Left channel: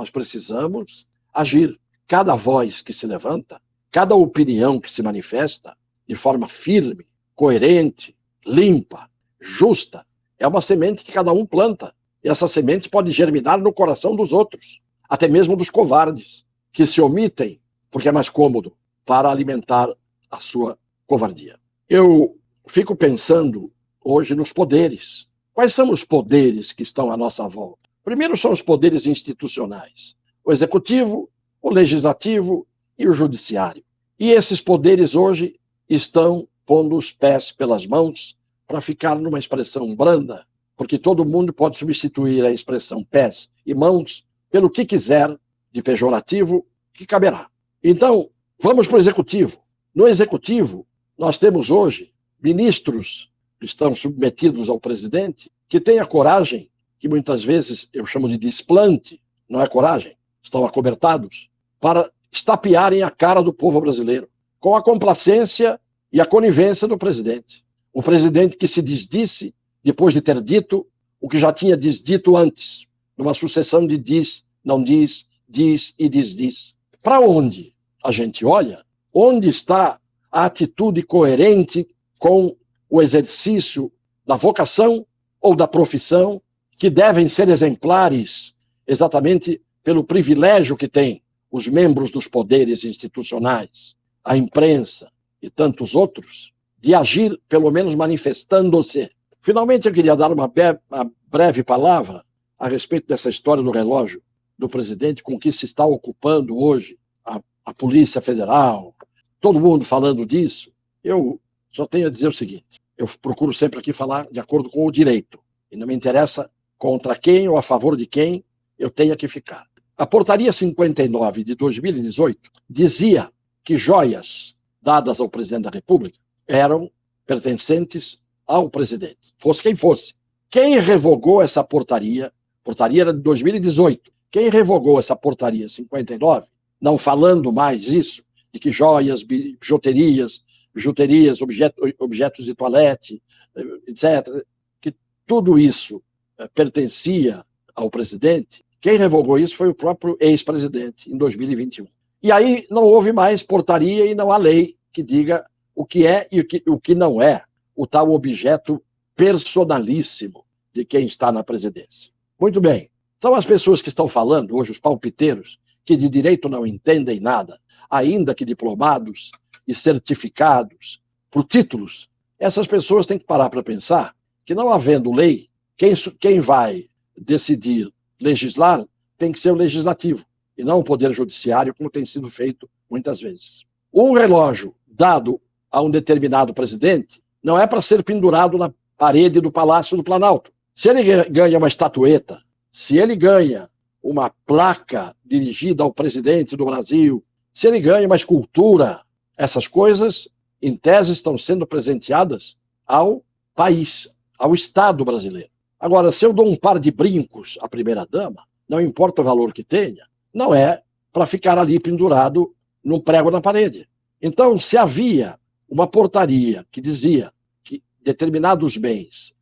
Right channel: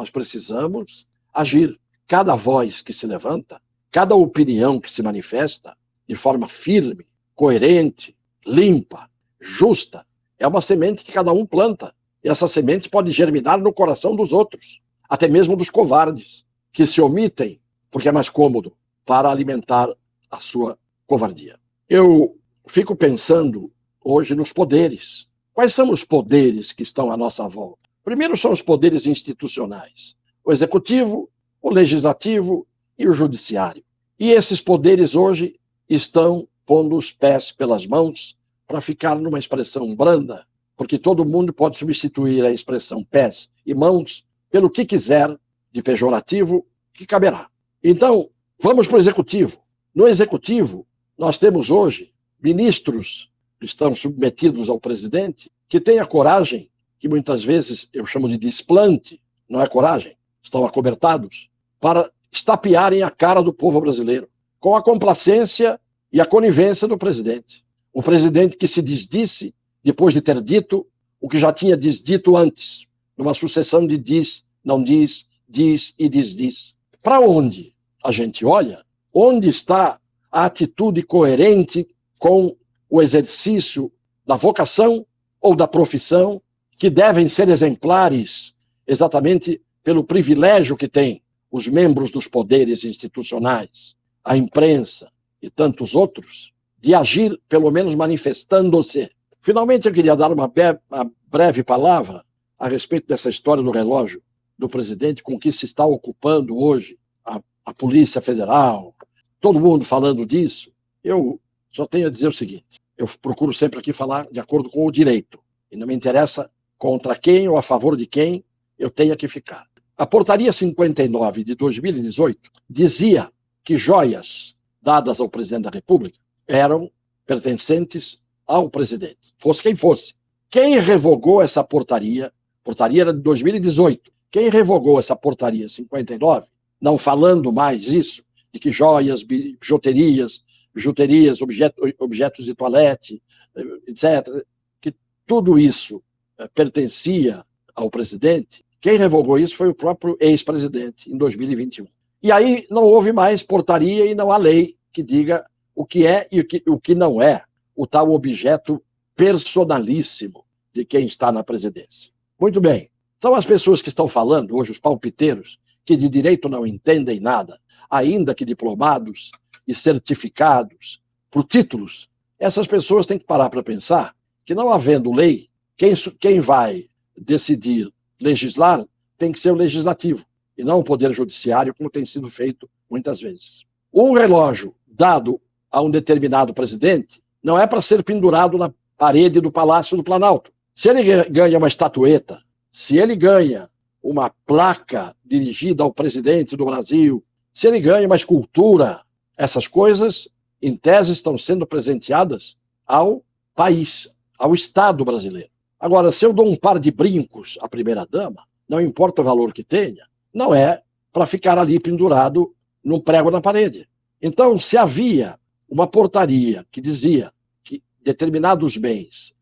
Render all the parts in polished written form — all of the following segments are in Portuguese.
Nós precisamos agir. Cada voz que se levanta, cada opinião que se manifesta de forma firme, coerente, limpa, justa, é uma semente que cada um planta. E essa semente pode germinar no coração dos outros, até mesmo dos covardes, que se omitem porque é mais cômodo para alimentar a sua covardia. Eu fico pensando hoje nos poderes. Quais são os poderes que estão à nossa volta? Primeiro são os poderes institucionais. O executivo, o legislativo e o judiciário. E esses poderes hoje estão pondo os pés pelas mãos para ficar numa expressão branda, porque todo mundo pode substituir a expressão pés e mãos pelo que quiser de pejorativo que caberá. Então, vamos para o executivo. No executivo, nós temos hoje ministros que estão submetidos ao presidente, que têm a coragem, que muitas vezes eu chamo de desplante, não é coragem, estão acobertados, para estapearem a cara do povo brasileiro, com a complacência e a conivência do presidente. O presidente que se desdisse depois de ter dito o que já tinha desdito antes, numa sucessão de diz, não diz, diz e desdiz. Para onde a gente olha, onde está a atitude coerente com o exercício da vocação ou da profissão, que devem ser exemplares exatamente pelo privilégio que têm os membros dos poderes institucionais, a imprensa e tantos outros, de agir, pelo menos manifestando-se. Finalmente, eu queria dar uma breve palavra a respeito dessa história do relógio do presidente, com que se está ocupando hoje a Polícia Federal, todo mundo falando disso. Eu só tenho a dizer o seguinte: eu procuro sempre aqui falar de acordo com o direito, e não me interessa contra quem ou a favor de quem eu tenha que ficar. A Portaria 59 de 2018 dizia que joias dadas ao presidente da República eram pertencentes ao presidente, fosse quem fosse. Quem revogou essa portaria era de 2018, quem revogou essa portaria 59, não falando mais isso, de que joias, bijuterias, objetos de toalete, etc., que tudo isso pertencia ao presidente, quem revogou isso foi o próprio ex-presidente, em 2021. E aí não houve mais portaria e não há lei que diga o que é e o que não é o tal objeto personalíssimo de quem está na presidência. Muito bem. São as pessoas que estão falando, hoje os palpiteiros, que de direito não entendem nada, ainda que diplomados e certificados por títulos. Essas pessoas têm que parar para pensar que, não havendo lei, quem vai decidir legislar tem que ser o legislativo, e não o poder judiciário, como tem sido feito muitas vezes. Um relógio dado a um determinado presidente não é para ser pendurado na parede do Palácio do Planalto. Se ele ganha uma estatueta, se ele ganha uma placa dirigida ao presidente do Brasil, se ele ganha uma escultura, essas coisas, em tese, estão sendo presenteadas ao país, ao Estado brasileiro. Agora, se eu dou um par de brincos à primeira-dama, não importa o valor que tenha, não é para ficar ali pendurado num prego na parede. Então, se havia uma portaria que dizia que determinados bens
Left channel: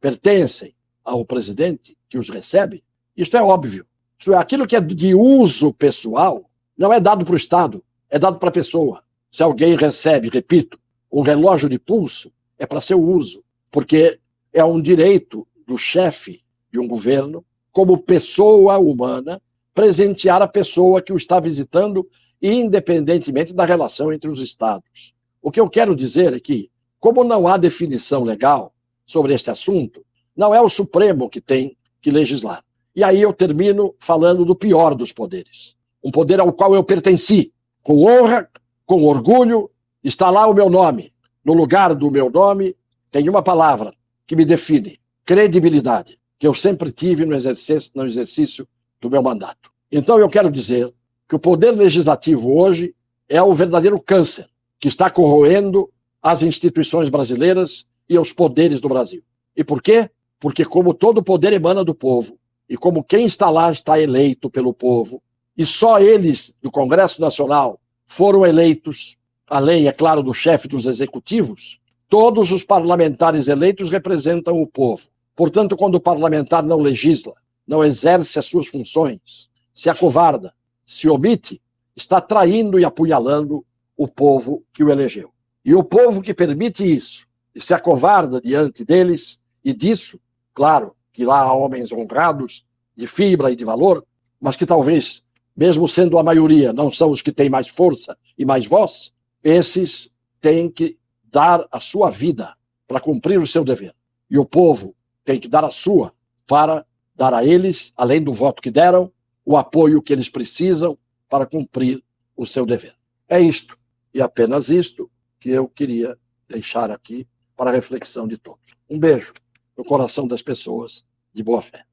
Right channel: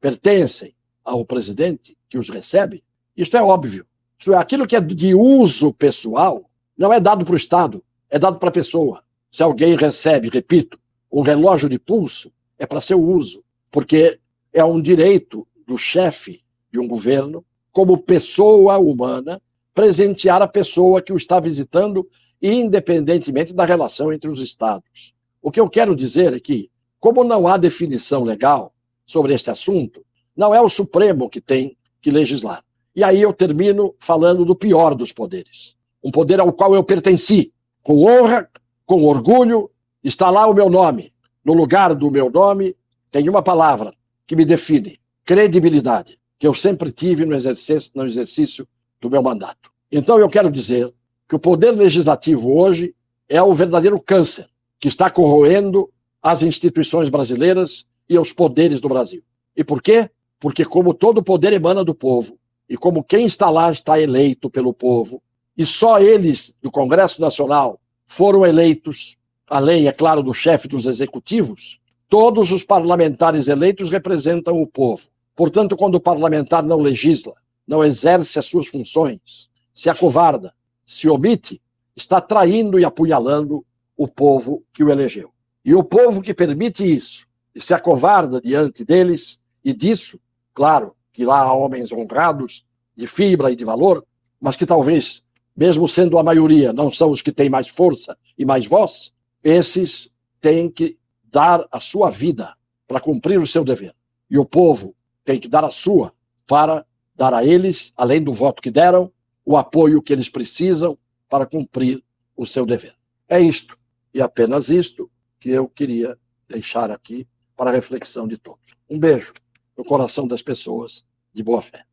pertencem ao presidente que os recebe, isto é óbvio. Que aquilo que é de uso pessoal não é dado para o Estado, é dado para a pessoa. Se alguém recebe, repito, um relógio de pulso, é para seu uso, porque é um direito do chefe de um governo, como pessoa humana, presentear a pessoa que o está visitando, independentemente da relação entre os Estados. O que eu quero dizer é que, como não há definição legal sobre este assunto, não é o Supremo que tem que legislar. E aí eu termino falando do pior dos poderes. Um poder ao qual eu pertenci, com honra, com orgulho, está lá o meu nome. No lugar do meu nome tem uma palavra que me define: credibilidade, que eu sempre tive no exercício do meu mandato. Então eu quero dizer que o poder legislativo hoje é um verdadeiro câncer que está corroendo as instituições brasileiras e os poderes do Brasil. E por quê? Porque como todo poder emana do povo, e como quem está lá está eleito pelo povo, e só eles, do Congresso Nacional, foram eleitos, além, é claro, do chefe dos executivos, todos os parlamentares eleitos representam o povo. Portanto, quando o parlamentar não legisla, não exerce as suas funções, se acovarda, se omite, está traindo e apunhalando o povo que o elegeu. E o povo que permite isso e se acovarda diante deles, e disso, claro, que lá há homens honrados, de fibra e de valor, mas que talvez, mesmo sendo a maioria, não são os que têm mais força e mais voz, esses têm que dar a sua vida para cumprir o seu dever. E o povo tem que dar a sua para dar a eles, além do voto que deram, o apoio que eles precisam para cumprir o seu dever. É isto, e apenas isto, que eu queria deixar aqui para a reflexão de todos. Um beijo no coração das pessoas de boa fé.